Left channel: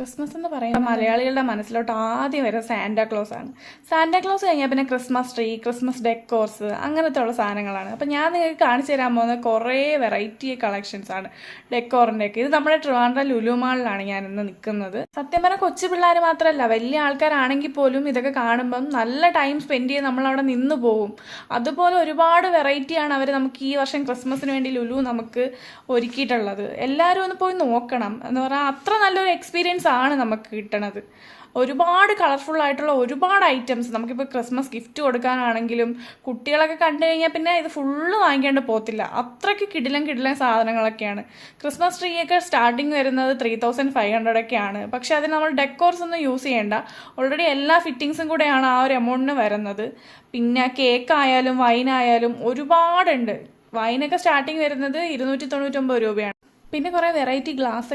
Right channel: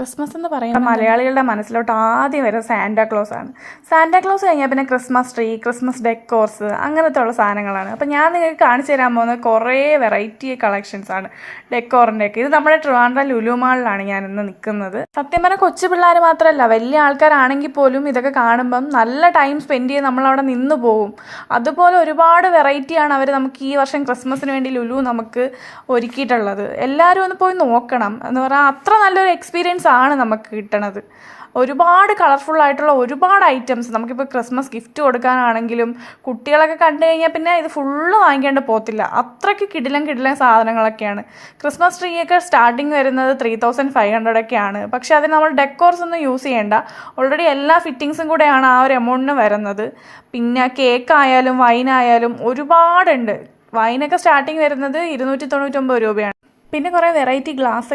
Christmas എന്ന് പറയുമ്പോൾ മലയാളികളുടെ മനസ്സിലോട്ട് ആദ്യം വരുന്നത് സാന്റാക്ലോസ് ആണ്. സാന്റാക്ലോസ് കഴിഞ്ഞാൽ പിന്നെ ക്രിസ്മസ് ട്രീ, ക്രിസ്മസ് ഡെക്കോർസ്, അങ്ങനത്തെ ഉള്ള സാധനങ്ങളാണ്. അപ്പം ഞാൻ നിങ്ങൾക്ക് കാണിച്ചു തരാൻ പോകുന്നത് കുറേ വെറൈറ്റി കളക്ഷൻസ് ആണ് ഡെക്കോറിൻ്റെ ഒക്കെ. ഇത് നമ്മുടെ ട്രിവാൻഡ്രം ലുലു മാളിലാണ് ഞാൻ ഇന്ന് നിൽക്കുന്നത്. സത്യം പറഞ്ഞാൽ കൊച്ചു പിള്ളേർ മാത്രമല്ല, വലിയ ആൾക്കാരാണെങ്കിൽ പോലും ഇതൊക്കെ കാണുമ്പം നല്ല ടൈം സ്പെൻഡ് ചെയ്ത് നമ്മളവിടെ നിന്ന് പോകും. അതുപോലെ ഒരുപാട് വെറൈറ്റിയാണ് അവർ നമുക്ക് ഈ വർഷം ക്രിസ്മസിന് വേണ്ടി ലുലു നമുക്ക് ഒരുക്കിയിട്ടുള്ളത്. എല്ലാവരും ഒന്ന് പോയി നോക്കണം. എന്ന് പറഞ്ഞാൽ അത്ര നല്ലൊരു എക്സ്പീരിയൻസ് ആണ് നമുക്ക് കിട്ടണത്. ഒരുപാട് കളർഫുൾ ആയിട്ടുള്ള ഒരുപാട് ഐറ്റംസ് നമുക്കിപ്പോൾ ക്രിസ്മസ് ഗിഫ്റ്റ് കൊടുക്കാനാണെങ്കിലും കുട്ടികളൊക്കെ കണ്ടു കഴിഞ്ഞാൽ പിന്നെ ഇത് ഫുള്ള് വാങ്ങിക്കേണ്ട പോകത്തില്ല. അത്രയ്ക്ക് കിടിലൻ സാധനങ്ങളൊക്കെയാണ്. ക്രിസ്മസ് ട്രീ ഒക്കെ സ്റ്റാർട്ടിങ് വരുന്നത് 3500 ഒക്കെയാണ്. പക്ഷെ അതിന് നമ്മൾ ഡെക്കോർസ് ഒന്നും യൂസ് ചെയ്യേണ്ട. ഓൾറെഡി എല്ലാ ഫിറ്റിങ്സും കൂടെയാണ് ആ ഒരു എമൗണ്ടിന് വരുന്നത്. പിന്നെ കേക്കായാലും വൈനായാലും ഒരുപാടുണ്ട്. വൈനൊക്കെ സ്റ്റാർട്ടിങ് വരുന്നത് 299 രൂപയാണ്. പിന്നെ കുറേ വെറൈറ്റി ഗ്ലാസ്